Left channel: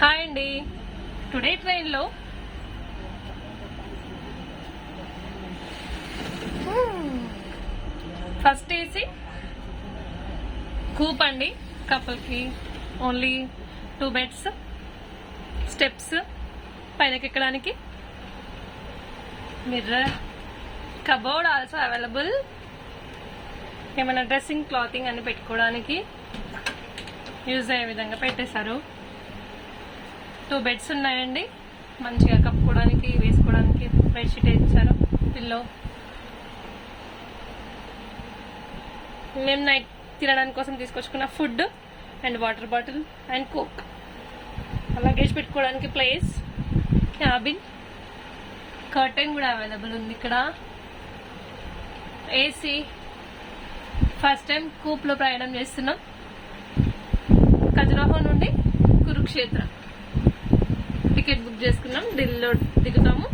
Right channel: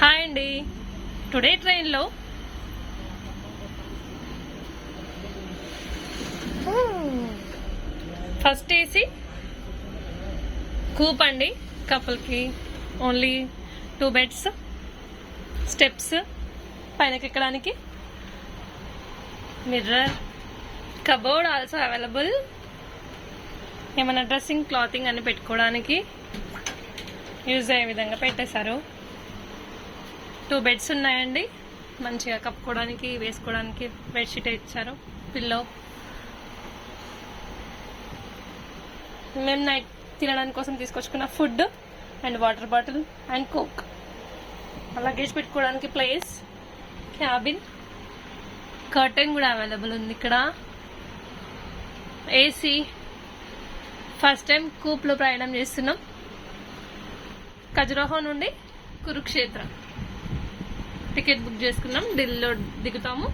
Hi అండి. Today ట్రైన్లో first AC Koop అండి. కపుల్కి ఓన్లీ 2 బెడ్స్, స్టెప్స్ పైనకి ఎక్కడానికి, మిర్రర్, కబోర్డ్ ఆల్సో అవైలబుల్. ఏమైనా డ్రెస్సింగ్, క్లాతింగ్ అన్ని పెట్టుకోవడానికి యూజ్ అయ్యే విధంగా పెట్టేశారు. 2 బెడ్స్ ఉన్నాయండి. మంచిగా కప్పుకోవడానికి, వేసుకోవడానికి బెడ్షీట్ ఇచ్చారు. పిల్లో. మేము నైట్ తినడానికి కోసం తీసుకొచ్చుకున్న food and water bottle and coke. Luggage పెట్టుకోవడానికి ప్లేస్, క్యాబిన్, కర్టెన్ కూడా అవైలబుల్ ఉంది ఇక్కడ. ఏసీ. ఫస్ట్ టైం కూప్లో ప్రయాణం చేస్తున్నాం. ఖజురాహో నుండి కురుక్షేత్ర టికెట్ బుక్ చేసుకున్నాం. ఢిల్లీలో దిగుతాము.